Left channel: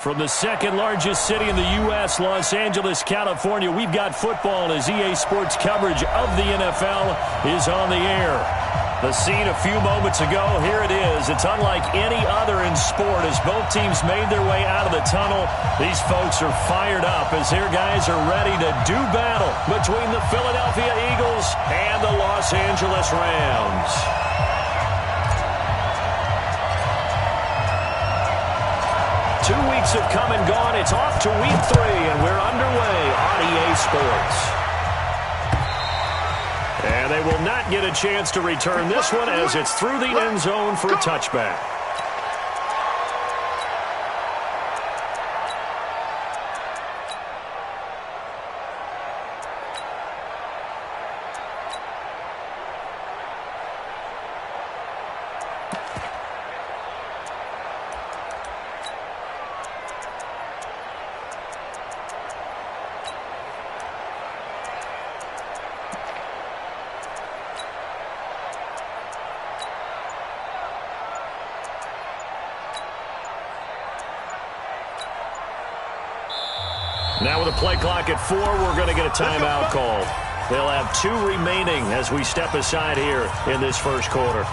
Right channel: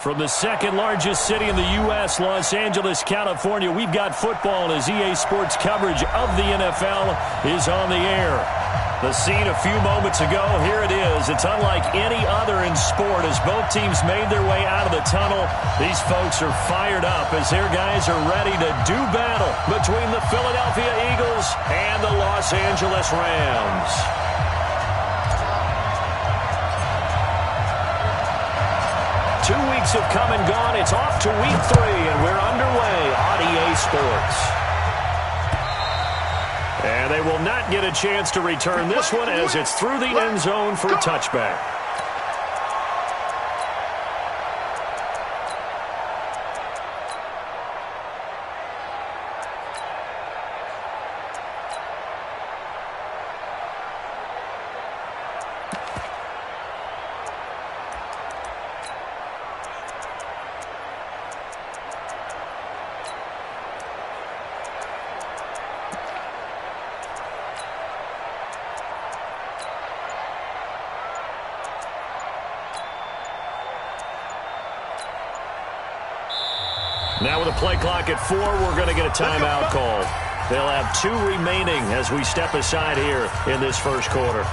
From the second largest city in the U.S., Los Angeles, California, we've got football as EA Sports coverage of the NFL is on the air. The scene a few moments ago, here it is. It's unlike any other in sport as both teams made their way out of the tunnel. These folks are fired up as their guys are ready to do battle between the Philadelphia Eagles and the Los Angeles Rams. 2 weeks have come and gone. It's off to week 3, and we're underway on EA Sports. And they will not get a chance to return this one as it's through the end zone for a touchback. Now with a play clock at 4, we're going to get a timeout call. They'll have 2 remaining as we step aside here in this first quarter.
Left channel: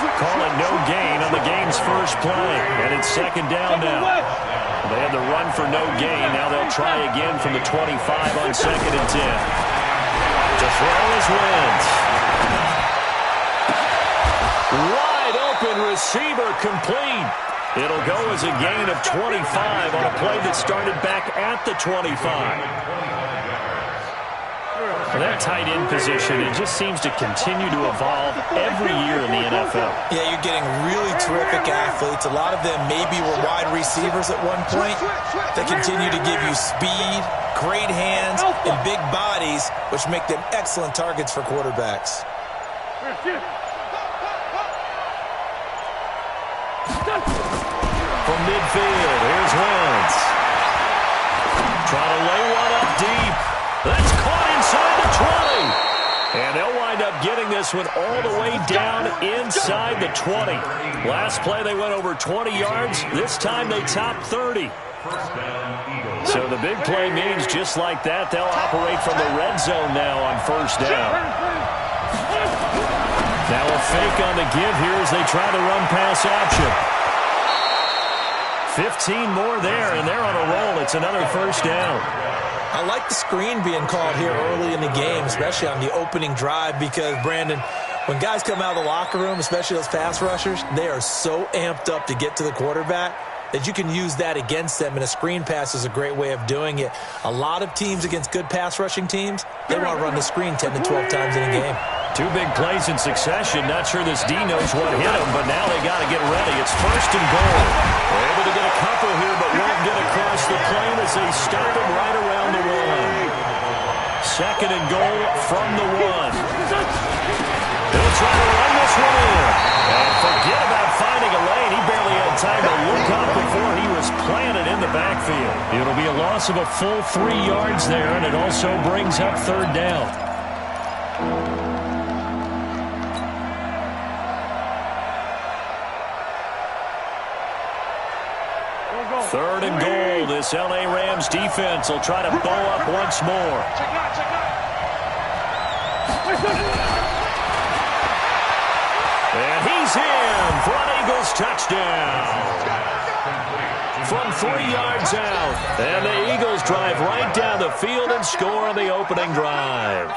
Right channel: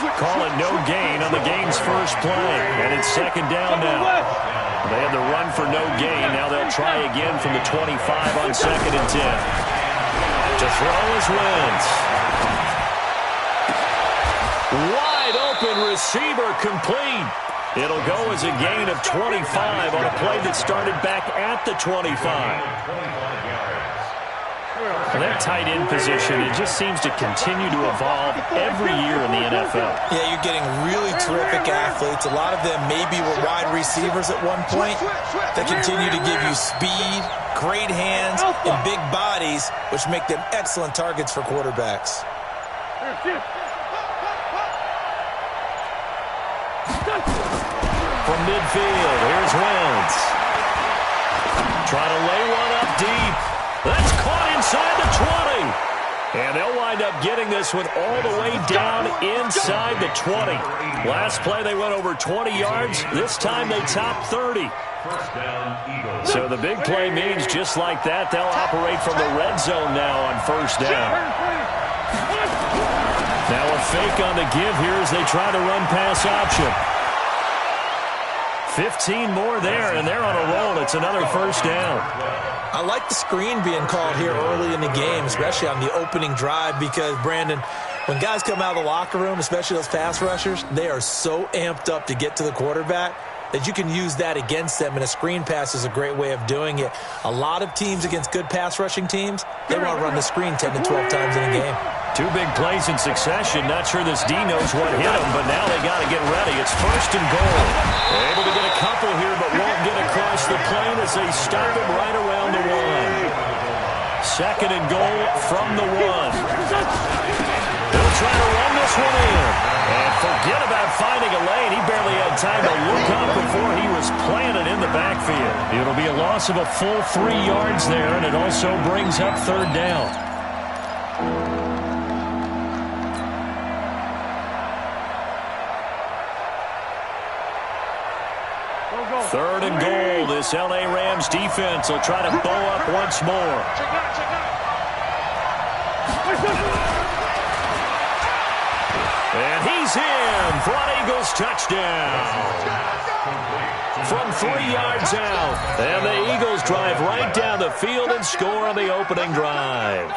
Call it no gain on the game's first play. And it's second down now. They had the run for no gain. Now they'll try again from the 25 on second and 10. To throw is Wentz. Wide open receiver complete. It'll go as a gain of 25 on a play that started back at the 25. That tight end position, it just seems to continue to evolve every year in the NFL. Yeah, you're getting really terrific athletes. A lot of them maybe were wide receivers at one point. They continue to give you speed, great hands, and big bodies, which make them excellent targets for quarterbacks. From midfield, here's Wentz. Trying to lay one up deep. That's caught inside the 20. And they'll wind up getting this one all the way down inside the 20. Last play they went over 20 yards. This time they topped 30. So the big play means just like that, they'll operate from the red zone now on first down. Now a fake on the give here as they try to run pass option. 15 more there, and they're on a roll. It's another first down. I like the screen being called here early in the game, especially on the opening drive, because, Brandon, when guys come out of the locker room, especially those pass rushers, they are so amped up to get to the quarterback that you can use that against them, and a screen pass is a great way of doing it. A lot of teams against good pass rushing teams, they want to run the screen 10 to 12 times in a game. 2 big plays in succession. Not sure this D knows what hit him, but now they got to get ready. It's first and goal. They're able to get a couple here, but won't get across the plane as they stop him right around the 1. Second and goal from the 1. He'll try to run this one in. And forget about finding a lane. He barely had time to look up before he was planted in the backfield. It'll be a loss of a full 3 yards there, and it also brings up third down. Third and goal. This L.A. Rams defense will try to bow up once more. And he's in for an Eagles touchdown. From 3 yards out. And the Eagles drive right down the field and score on the opening drive.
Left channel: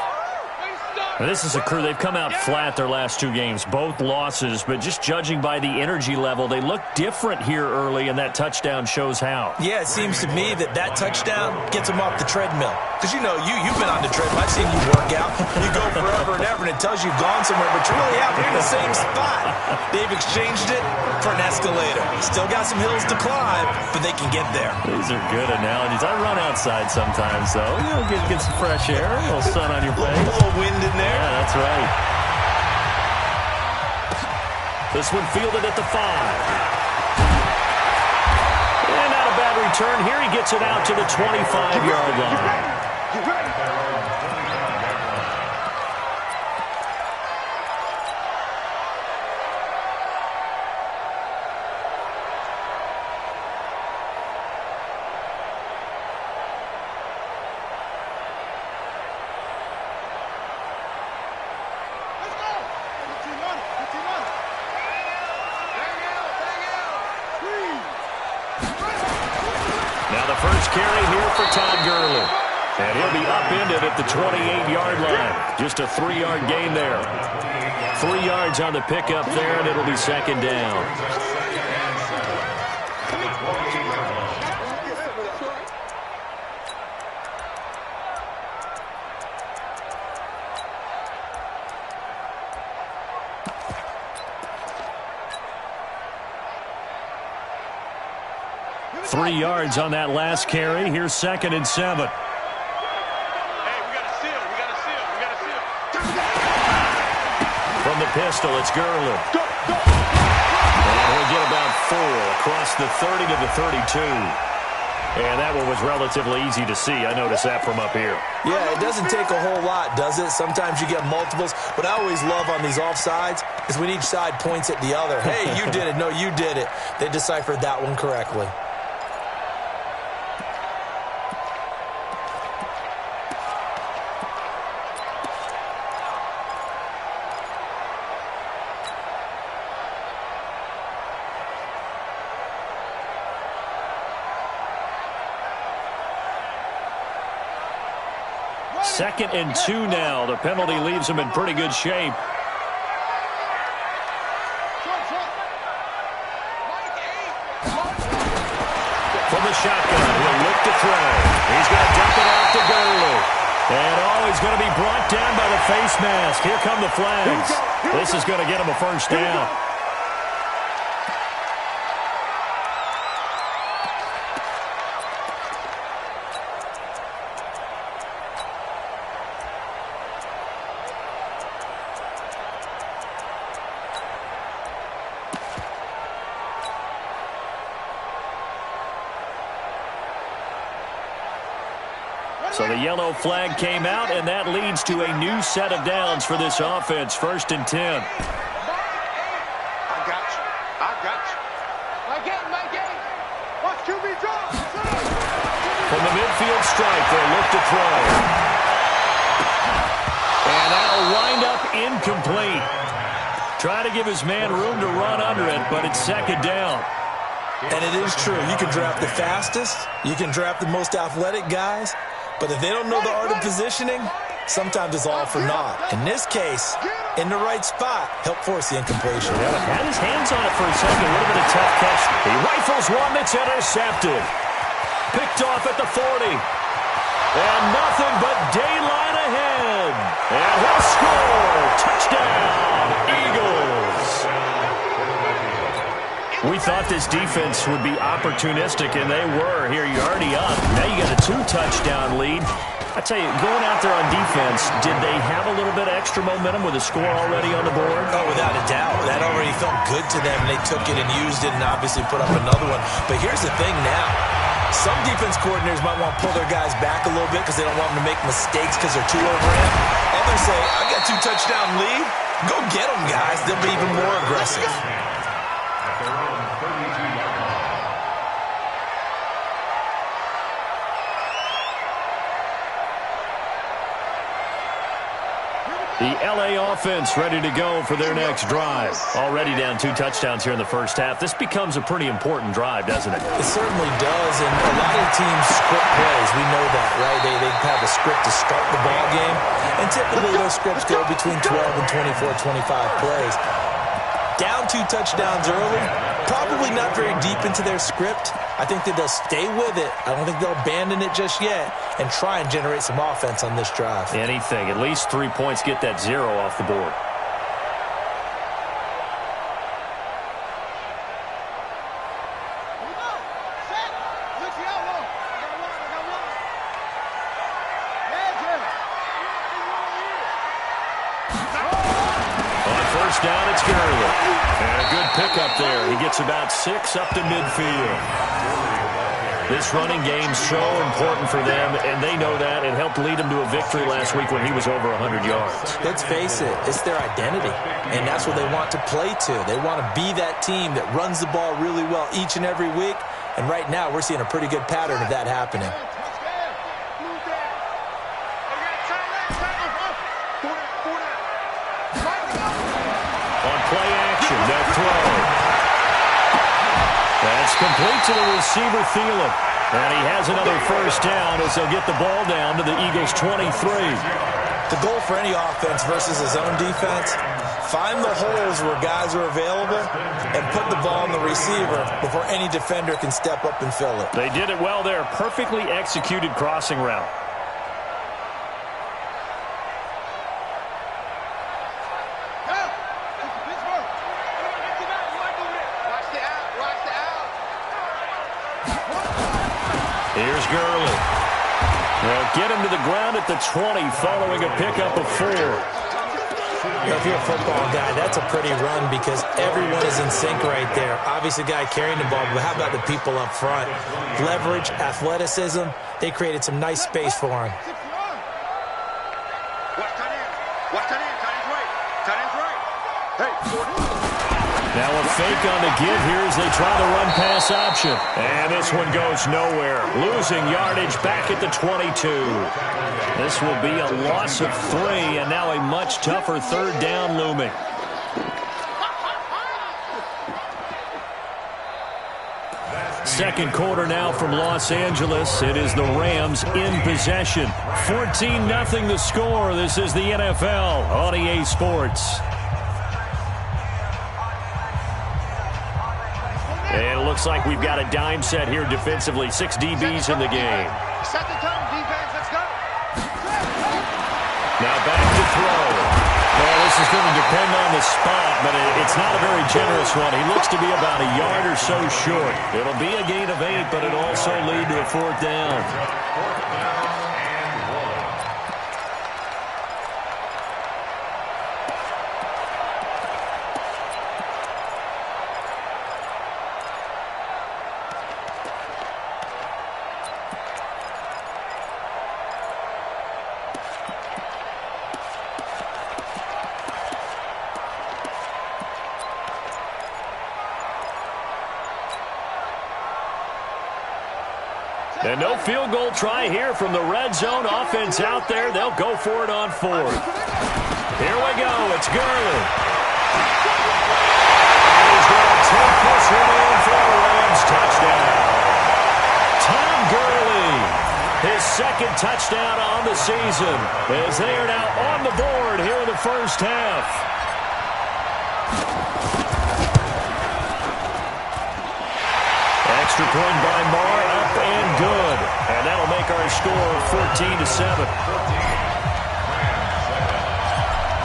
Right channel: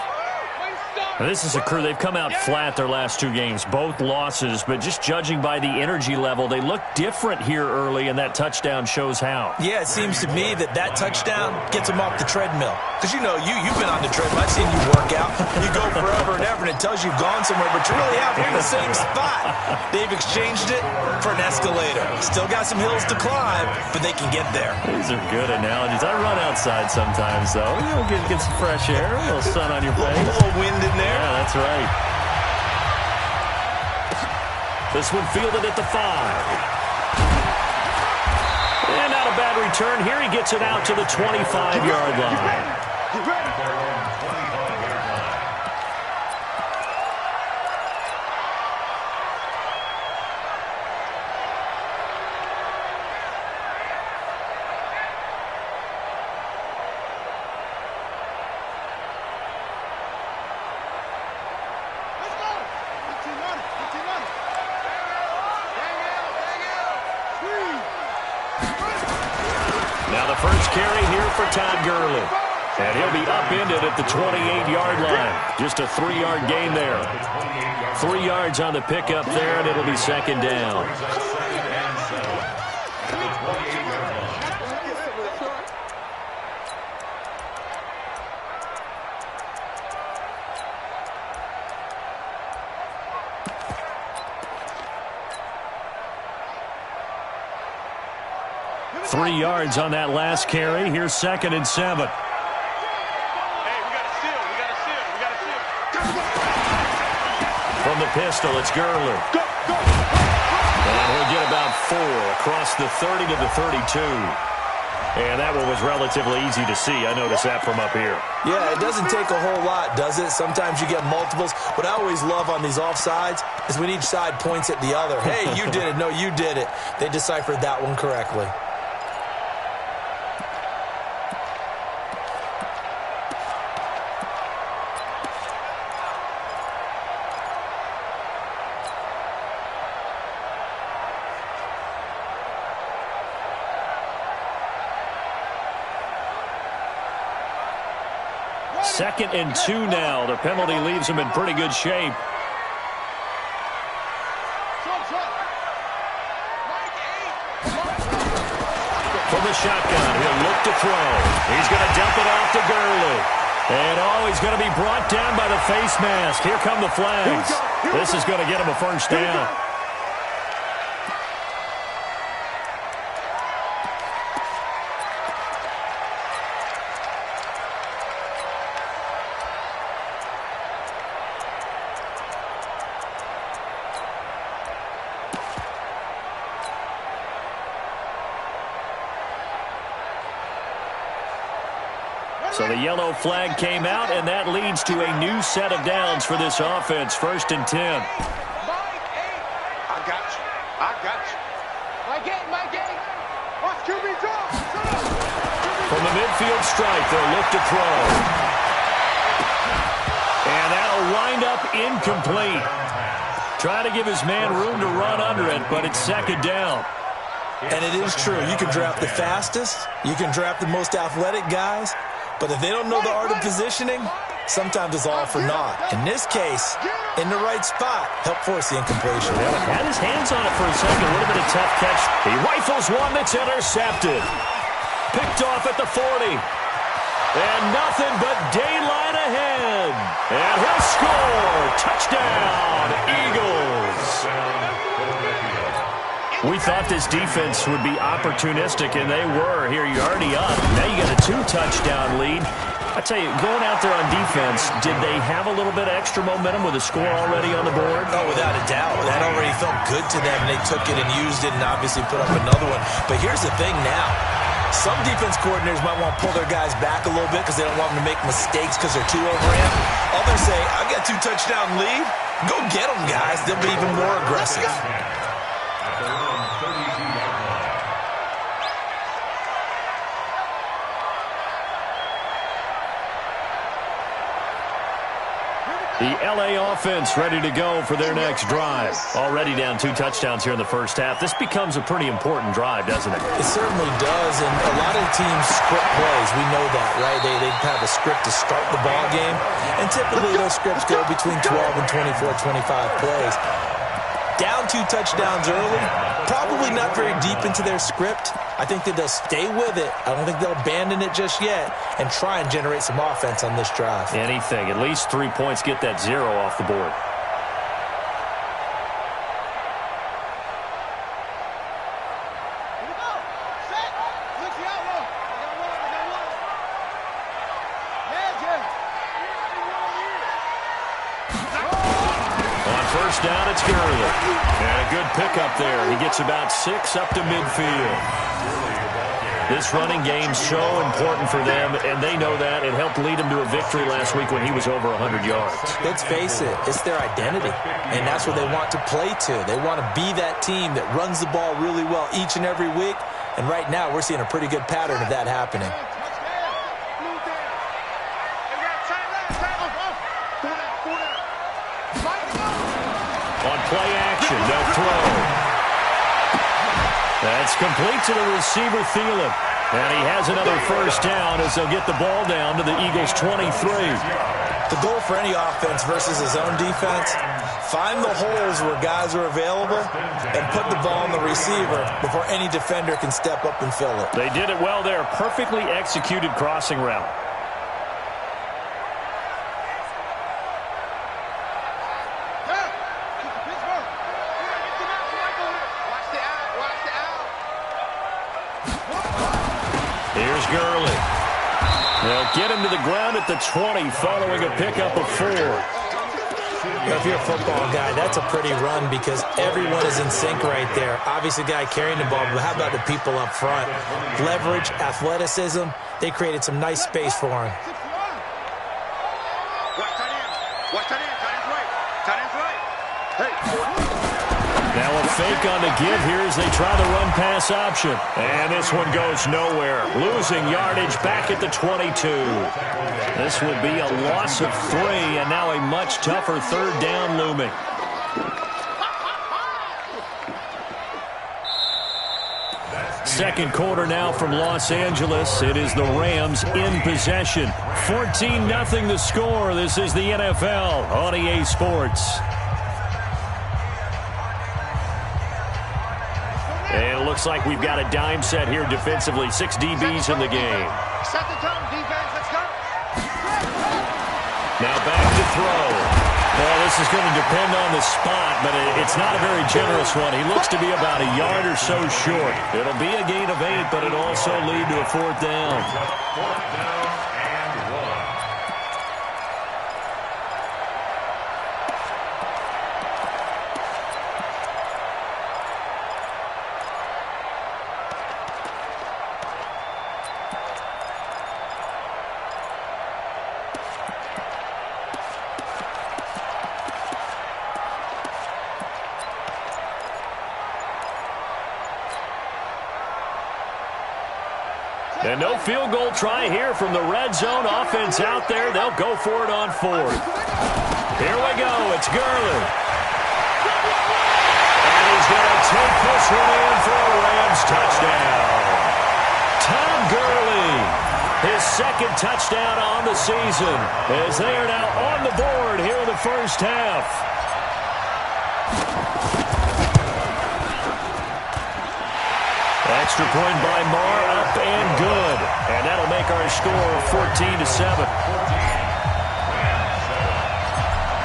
This is a crew. They've come out flat their last 2 games, both losses, but just judging by the energy level, they look different here early, and that touchdown shows how. Yeah, it seems to me that touchdown gets them off the treadmill. Because, you've been on the treadmill. I've seen you work out. You go forever and ever, and it tells you you've gone somewhere, but you're really out here in the same spot. They've exchanged it for an escalator. Still got some hills to climb, but they can get there. These are good analogies. I run outside sometimes, though. Get some fresh air, a little sun on your face. A little wind in there. Yeah, that's right. This one fielded at the 5. And not a bad return here. He gets it out to the 25-yard line. Now the first carry here for Todd Gurley. And he'll be upended at the 28-yard line. Just a 3-yard gain there. 3 yards on the pickup there, and it'll be second down. Three yards on that last carry. Here's 2nd and 7. Hey, we got a seal. We got a seal. We got a seal. From the pistol, it's Gurley. Go, go. And he'll get about 4 across the 30 to the 32. And that one was relatively easy to see. I noticed that from up here. Yeah, it doesn't take a whole lot, does it? Sometimes you get multiples. What I always love on these offsides is when each side points at the other. Hey, you did it. No, you did it. They deciphered that one correctly. Second and 2 now. The penalty leaves him in pretty good shape. From the shotgun, he'll look to throw. He's going to dump it off to Gurley. And he's going to be brought down by the face mask. Here come the flags. This is going to get him a first down. So the yellow flag came out, and that leads to a new set of downs for this offense. 1st and 10. I got you. I got you. My game. Watch QB draw. From the midfield stripe, they'll look to throw. And that'll wind up incomplete. Trying to give his man room to run under it, but it's 2nd down. And it is true. You can draft the fastest. You can draft the most athletic guys. But if they don't know the art of positioning, sometimes it's all for naught. In this case, in the right spot, help force the incompletion. Yeah, had his hands on it for a second. Would have been a tough catch. He rifles one that's intercepted. Picked off at the 40. And nothing but daylight ahead. And he'll score. Touchdown, Eagles. We thought this defense would be opportunistic, and they were. Here, you're already up. Now you got a 2-touchdown lead. I tell you, going out there on defense, did they have a little bit of extra momentum with a score already on the board? Oh, without a doubt. That already felt good to them, and they took it and used it and obviously put up another one. But here's the thing now. Some defense coordinators might want to pull their guys back a little bit because they don't want them to make mistakes because they're too overamped. Others say, I got 2-touchdown lead. Go get them, guys. They'll be even more aggressive. The L.A. offense ready to go for their next drive. Already down 2 touchdowns here in the first half. This becomes a pretty important drive, doesn't it? It certainly does, and a lot of teams script plays. We know that, right? They have a script to start the ball game, and And typically those scripts go between 12 and 24, 25 plays. Down 2 touchdowns early, probably not very deep into their script. I think that they'll stay with it. I don't think they'll abandon it just yet and try and generate some offense on this drive. Anything. At least 3 points, get that 0 off the board. First down, it's Gurley. And a good pickup there. He gets about 6 up to midfield. This running game's so important for them, and they know that. It helped lead them to a victory last week when he was over 100 yards. Let's face it, it's their identity, and that's what they want to play to. They want to be that team that runs the ball really well each and every week, and right now we're seeing a pretty good pattern of that happening. On play action, they'll throw. That's complete to the receiver, Thielen. And he has another first down as they'll get the ball down to the Eagles' 23. The goal for any offense versus his own defense, find the holes where guys are available and put the ball in the receiver before any defender can step up and fill it. They did it well there. Perfectly executed crossing route. Here's Gurley. They'll get him to the ground at the 20 following a pickup of 4. If you're a football guy, that's a pretty run because everyone is in sync right there. Obviously, the guy carrying the ball, but how about the people up front? Leverage, athleticism, they created some nice space for him. Watch tight end. Watch tight end. Tight end's right. Tight end's right. Hey, now a fake on the give here as they try the run-pass option. And this one goes nowhere. Losing yardage back at the 22. This will be a loss of 3, and now a much tougher third down looming. Second quarter now from Los Angeles. It is the Rams in possession. 14-0 the score. This is the NFL on EA Sports. And it looks like we've got a dime set here defensively. 6 DBs in the game. set the tone, defense. Let's go. Now back to throw. Well, this is going to depend on the spot, but it's not a very generous one. He looks to be about a yard or so short. It'll be a gain of 8, but it'll also lead to a 4th down. And no field goal try here from the red zone. Offense out there. They'll go for it on 4th. Here we go. It's Gurley. And he's going to take this one in for a Rams touchdown. Tom Gurley, his 2nd touchdown on the season, as they are now on the board here in the first half. Extra point by Marr, up and good. And that'll make our score 14-7.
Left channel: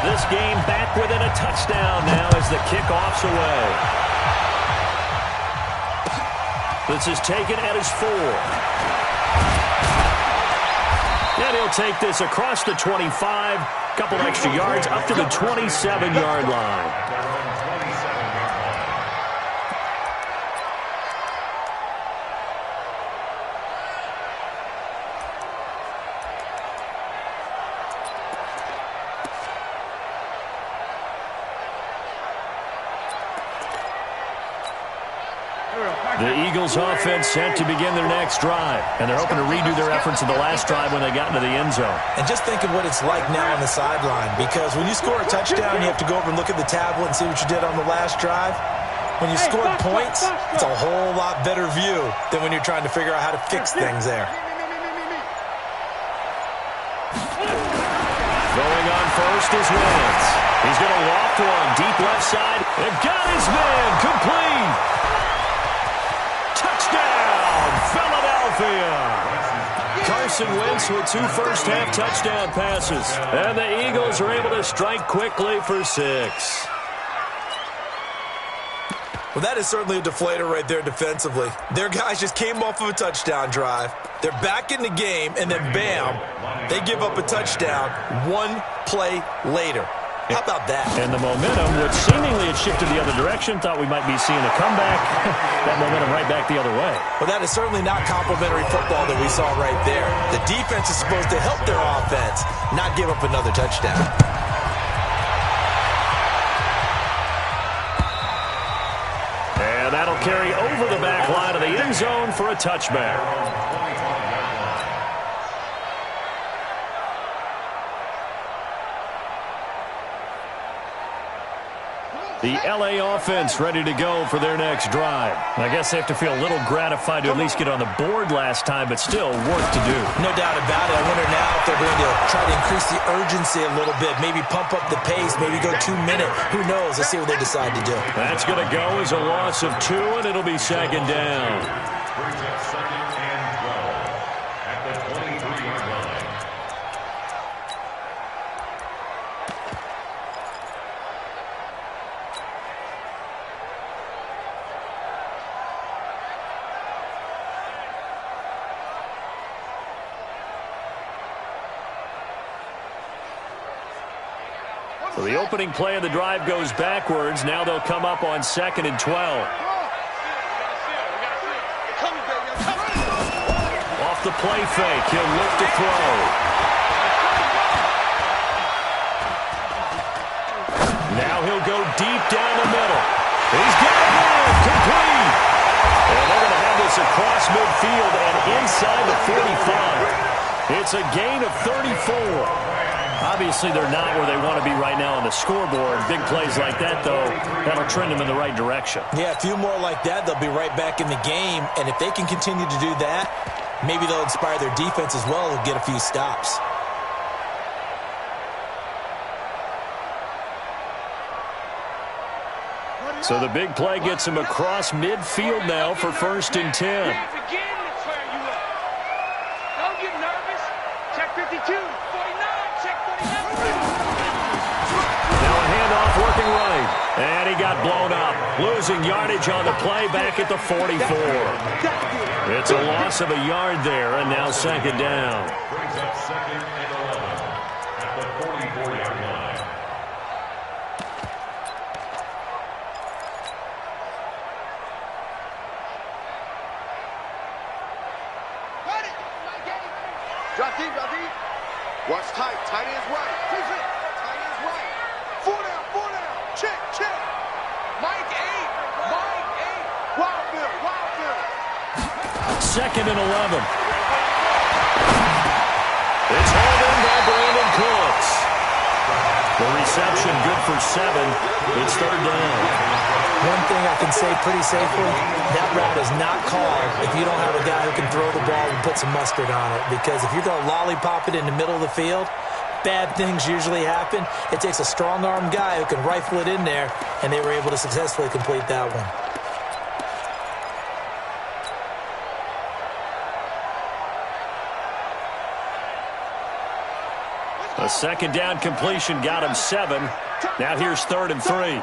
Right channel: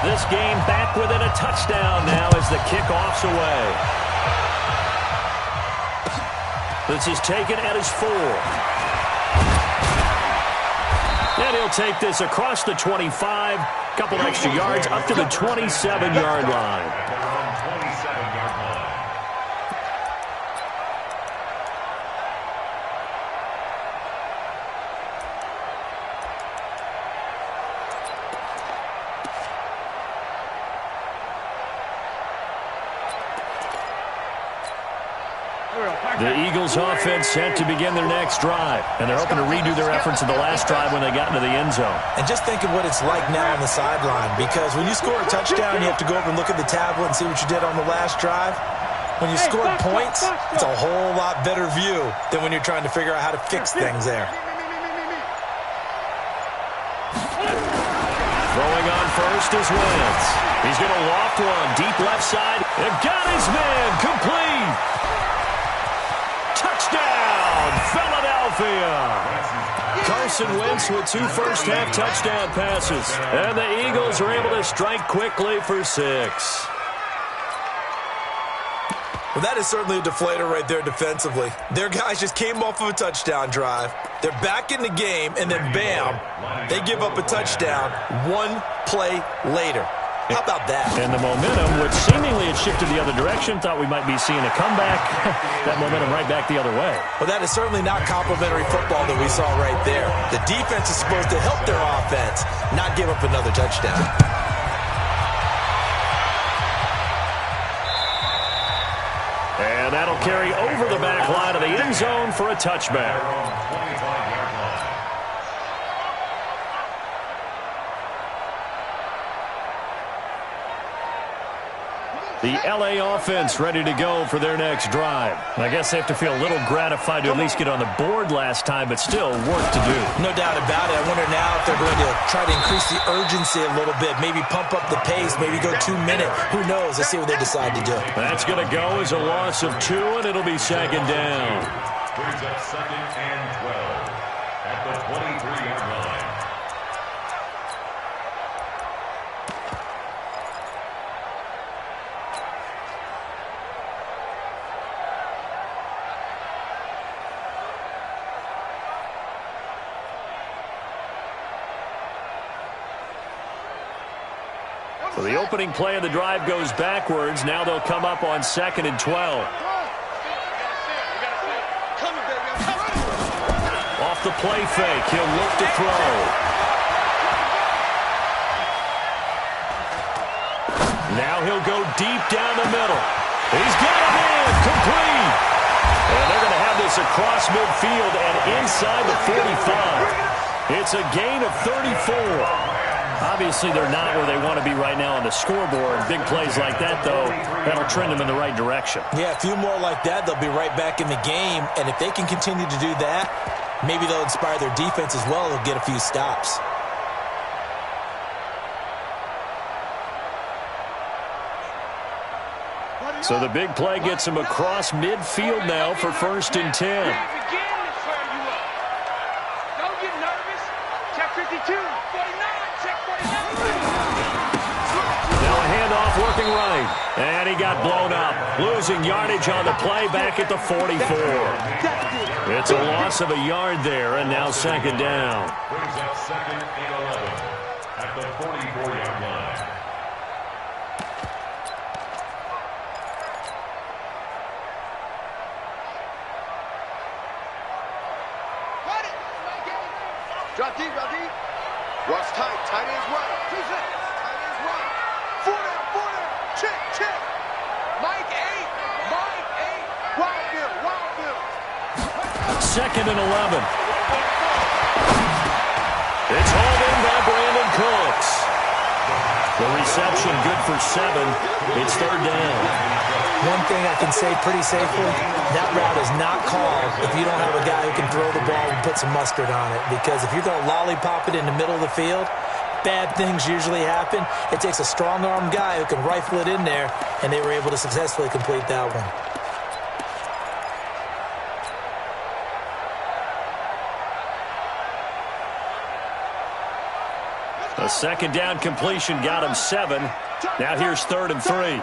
This game back within a touchdown now as the kickoff's away. This is taken at his 4. And he'll take this across the 25, couple extra yards up to the 27-yard line. The Eagles offense set to begin their next drive, and they're hoping to redo their efforts in the last drive when they got into the end zone. And just think of what it's like now on the sideline, because when you score a touchdown, you have to go over and look at the tablet and see what you did on the last drive. When you scored points, it's a whole lot better view than when you're trying to figure out how to fix things there. Throwing on first is Wentz. He's going to loft one deep left side. And got his man complete. Touchdown, Philadelphia. Carson Wentz with 2 first-half touchdown passes. And the Eagles are able to strike quickly for 6. Well, that is certainly a deflator right there defensively. Their guys just came off of a touchdown drive. They're back in the game, and then bam, they give up a touchdown 1 play later. How about that? And the momentum, which seemingly had shifted the other direction, thought we might be seeing a comeback. That momentum right back the other way. Well, that is certainly not complimentary football that we saw right there. The defense is supposed to help their offense, not give up another touchdown. And that'll carry over the back line of the end zone for a touchback. The L.A. offense ready to go for their next drive. I guess they have to feel a little gratified to at least get on the board last time, but still work to do. No doubt about it. I wonder now if they're going to try to increase the urgency a little bit, maybe pump up the pace, maybe go 2 minute. Who knows? Let's see what they decide to do. That's going to go as a loss of 2, and it'll be second down. Brings up 2nd and 12 at the 23-yard line. So the opening play of the drive goes backwards. Now they'll come up on 2nd and 12. Off the play fake, he'll look to throw. Now he'll go deep down the middle. He's got it in, complete. And they're going to have this across midfield and inside the 45. It's a gain of 34. Obviously, they're not where they want to be right now on the scoreboard. Big plays like that, though, that'll trend them in the right direction. Yeah, a few more like that, they'll be right back in the game. And if they can continue to do that, maybe they'll inspire their defense as well to get a few stops. So the big play gets him across midfield now for 1st and 10. Don't get nervous. Check 52, 49, check 49. Now a handoff working right. And he got blown up. Losing yardage on the play back at the 44. It's a loss of a yard there, and now 2nd down. Brings up 2nd and 11 at the 44-yard line. Drop deep, drop deep. Watch tight. Tight end's right. Tight end's right. 4 down. Check. Mike 8. Wild Bill. 2nd and 11. It's hauled in by Brandon Cooks. The reception good for 7. It's 3rd down. One thing I can say pretty safely, that route is not called if you don't have a guy who can throw the ball and put some mustard on it. Because if you're going to lollipop it in the middle of the field, bad things usually happen. It takes a strong-arm guy who can rifle it in there, and they were able to successfully complete that one. A 2nd down completion got him 7. Now here's 3rd and 3.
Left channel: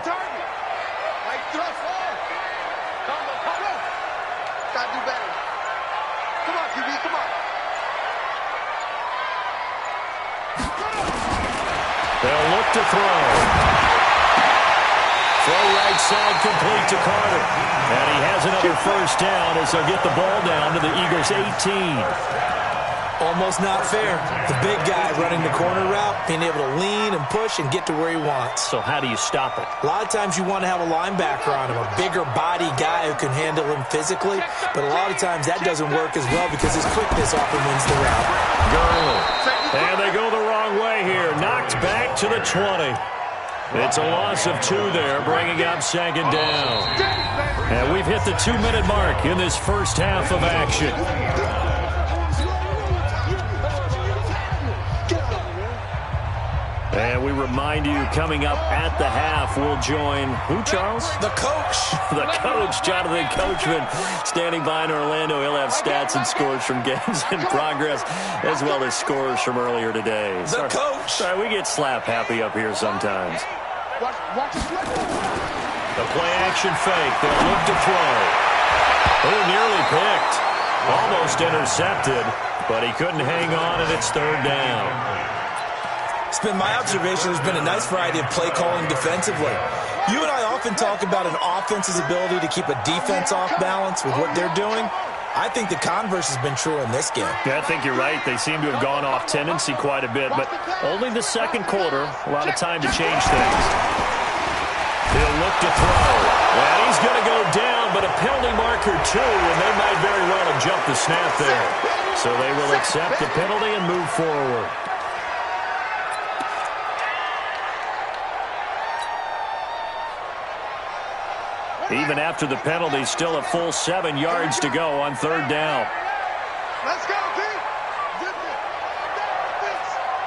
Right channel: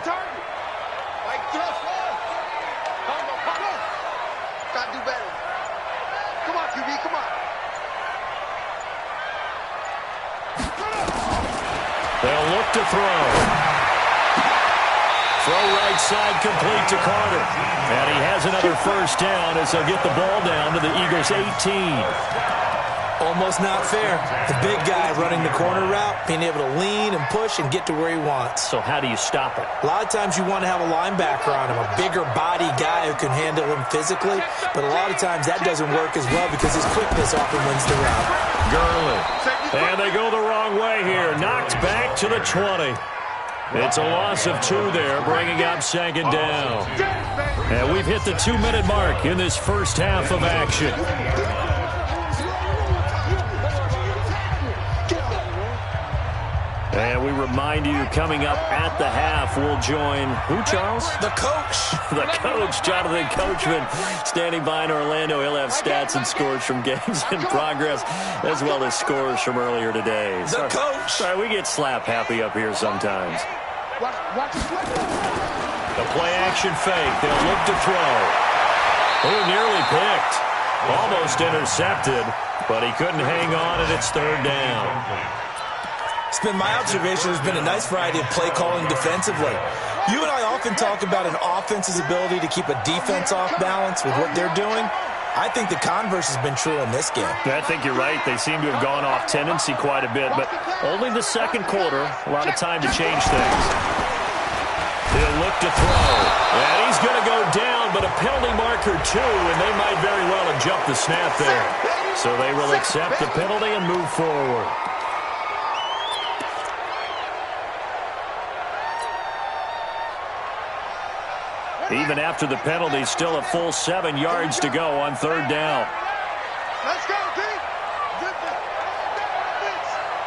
Gotta do better. Come on, QB, come on. They'll look to throw. Throw right side complete to Carter. And he has another 1st down as they'll get the ball down to the Eagles' 18. Almost not fair. The big guy running the corner route, being able to lean and push and get to where he wants. So how do you stop it? A lot of times you want to have a linebacker on him, a bigger body guy who can handle him physically, but a lot of times that doesn't work as well because his quickness often wins the route. Gurley. And they go the wrong way here. Knocked back to the 20. It's a loss of 2 there, bringing up 2nd down. And we've hit the 2-minute mark in this first half of action. And we remind you, coming up at the half, we'll join who, Charles? The coach. The coach, Jonathan Coachman, standing by in Orlando. He'll have stats and scores from games in progress, as well as scores from earlier today. The coach. Sorry, we get slap happy up here sometimes. Watch the play. The play-action fake. They'll look to throw. Oh, nearly picked. Almost intercepted, but he couldn't hang on, and it's third down. It's been my observation there's been a nice variety of play calling defensively. You and I often talk about an offense's ability to keep a defense off balance with what they're doing. I think the converse has been true in this game. Yeah, I think you're right. They seem to have gone off tendency quite a bit, but only the second quarter, a lot of time to change things. He'll look to throw, and he's going to go down, but a penalty marker too, and they might very well have jumped the snap there. So they will accept the penalty and move forward. Even after the penalty, still a full 7 yards to go on third down. Let's go, D.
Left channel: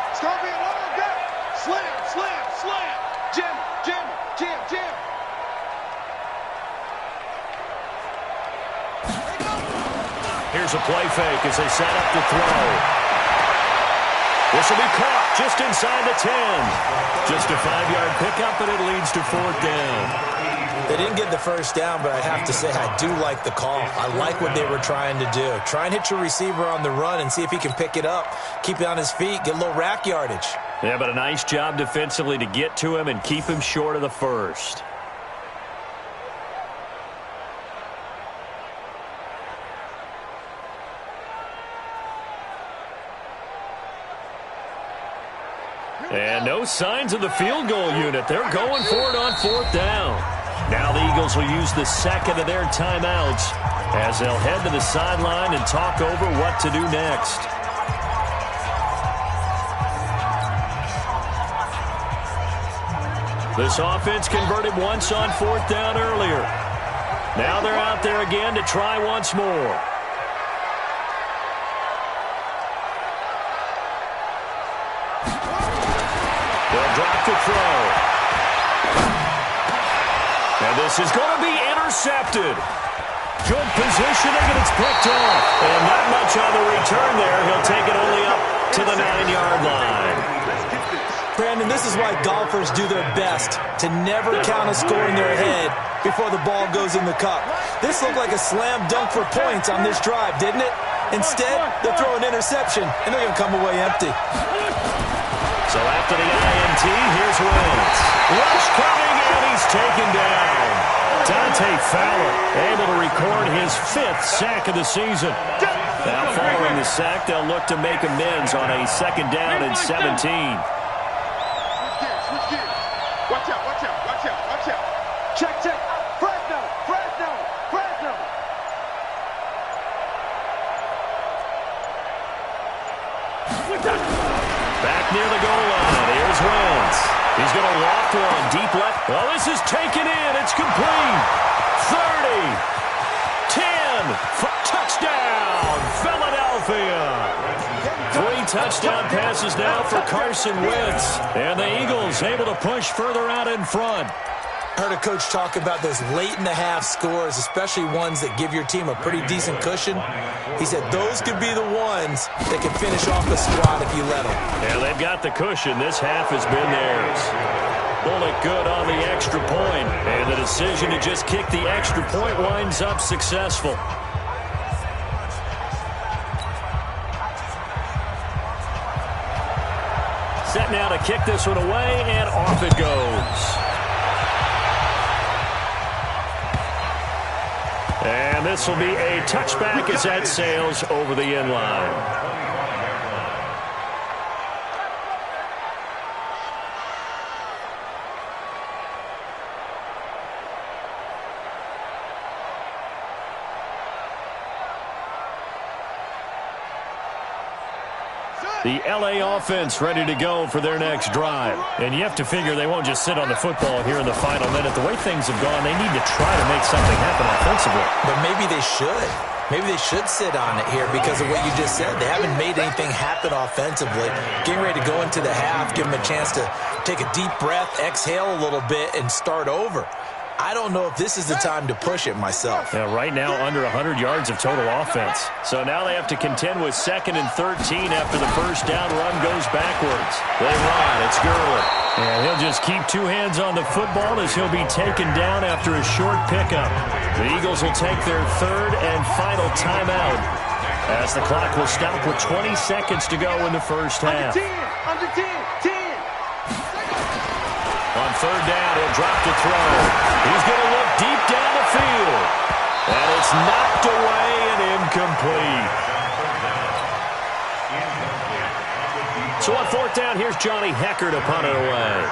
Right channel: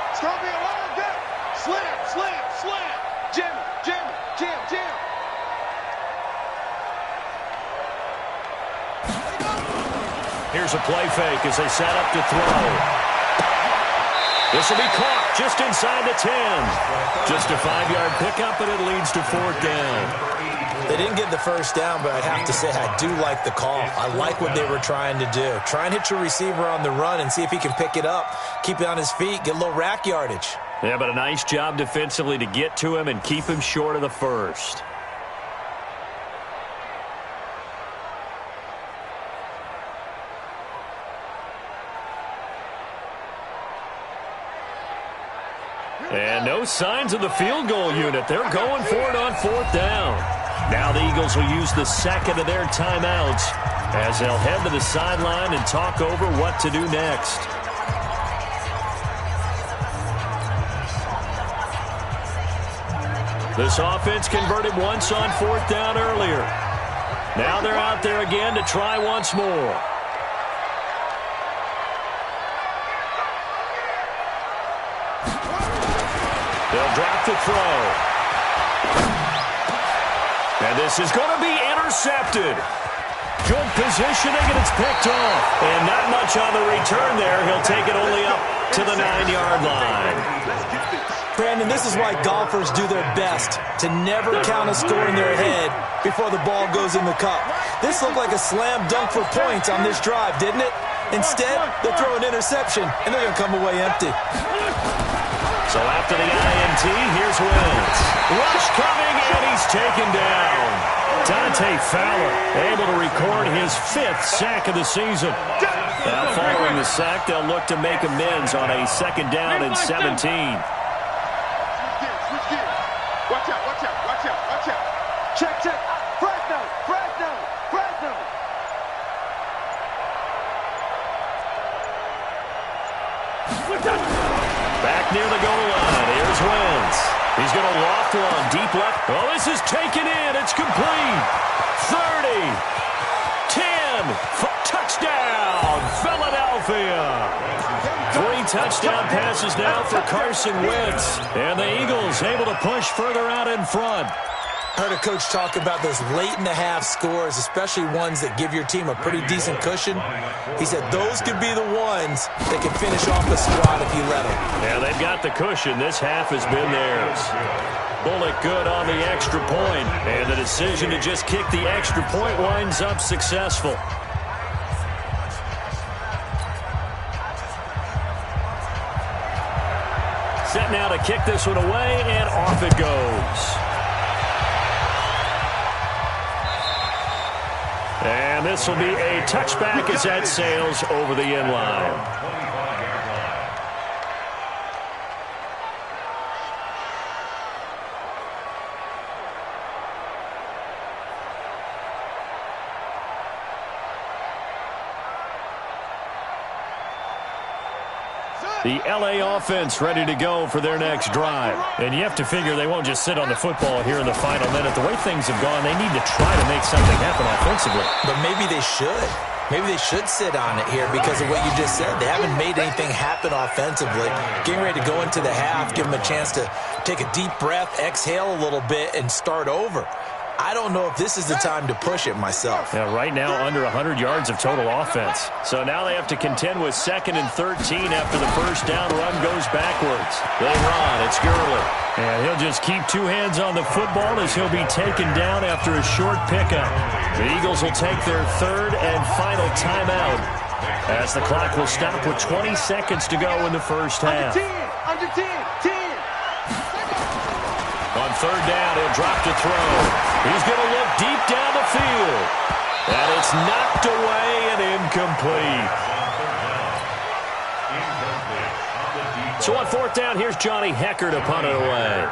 It's going to be a long day. Slam, slam, slam. Jam, jam, jam, jam. Here's a play fake as they set up to throw. This will be caught just inside the 10. Just a 5-yard pickup, and it leads to fourth down. They didn't get the first down, but I have to say I do like the call. I like what they were trying to do. Try and hit your receiver on the run and see if he can pick it up, keep it on his feet, get a little rack yardage. Yeah, but a nice job defensively to get to him and keep him short of the first. And no signs of the field goal unit. They're going for it on fourth down. Now the Eagles will use the second of their timeouts as they'll head to the sideline and talk over what to do next. This offense converted once on fourth down earlier. Now they're out there again to try once more. They'll drop to throw. And this is going to be intercepted. Good positioning, and it's picked off. And not much on the return there. He'll take it only up to the 9-yard line. Brandon, this is why golfers do their best to never count a score in their head before the ball goes in the cup. This looked like a slam dunk for points on this drive, didn't it? Instead, they throw an interception, and they're going to come away empty. So after the INT, here's Wentz. Rush coming, and he's taken down. Dante Fowler able to record his 5th sack of the season. Now following the sack, they'll look to make amends on a second down and 17. Switch gears. Watch out, watch out, watch out, watch out. Check, check. Fresno, Fresno, Fresno. Back near the goal line. Here's Wentz. He's going to loft one deep left. Oh, this is taken in. It's complete. 30. 10. Touchdown, Philadelphia. 3 touchdown passes now for Carson Wentz. And the Eagles able to push further out in front. I heard a coach talk about those late-in-the-half scores, especially ones that give your team a pretty decent cushion. He said those could be the ones that can finish off the squad if you let them. Yeah, they've got the cushion. This half has been theirs. Bullock good on the extra point, and the decision to just kick the extra point winds up successful. Set now to kick this one away, and off it goes. And this will be a touchback as that sails over the end line. The LA offense ready to go for their next drive. And you have to figure they won't just sit on the football here in the final minute. The way things have gone, they need to try to make something happen offensively. But maybe they should. Maybe they should sit on it here because of what you just said. They haven't made anything happen offensively. Getting ready to go into the half, give them a chance to take a deep breath, exhale a little bit, and start over. I don't know if this is the time to push it myself. Yeah, right now under 100 yards of total offense. So now they have to contend with 2nd and 13 after the first down run goes backwards. They run. It's Gurley. And he'll just keep 2 hands on the football as he'll be taken down after a short pickup. The Eagles will take their 3rd and final timeout as the clock will stop with 20 seconds to go in the first half. Under 10, 10. On 3rd down, he'll drop to throw. He's going to look deep down the field. And it's knocked away and incomplete. So on 4th down, here's Johnny Hekker to punt it away.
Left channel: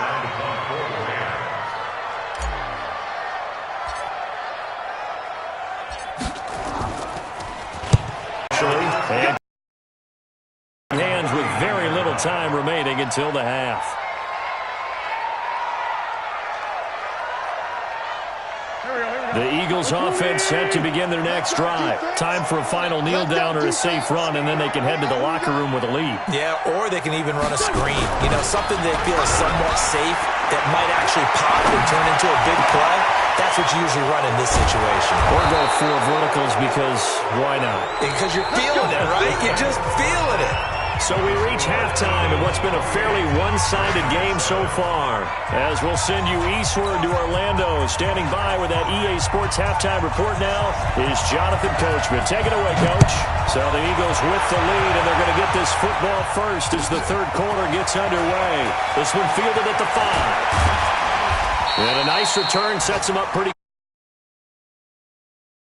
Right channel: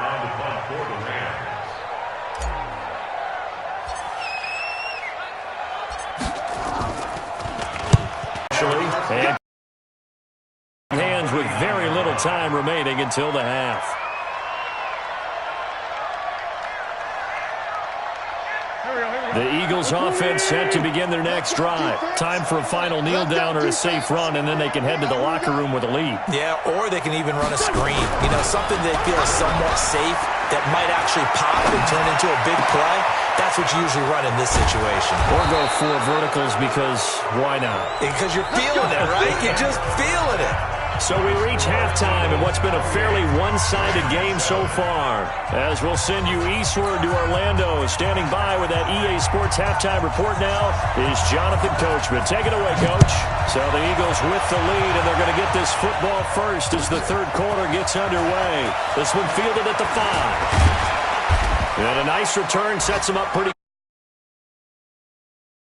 And hands with very little time remaining until the half. The Eagles offense set to begin their next drive. Time for a final kneel down or a safe run, and then they can head to the locker room with a lead. Yeah, or they can even run a screen. You know, something they feel is somewhat safe that might actually pop and turn into a big play. That's what you usually run in this situation. Or go 4 verticals because why not? Because you're feeling it, right? You're just feeling it. So we reach halftime in what's been a fairly one-sided game so far. As we'll send you eastward to Orlando. Standing by with that EA Sports halftime report now is Jonathan Coachman. Take it away, Coach. So the Eagles with the lead, and they're going to get this football first as the 3rd quarter gets underway. This one fielded at the 5. And a nice return sets them up pretty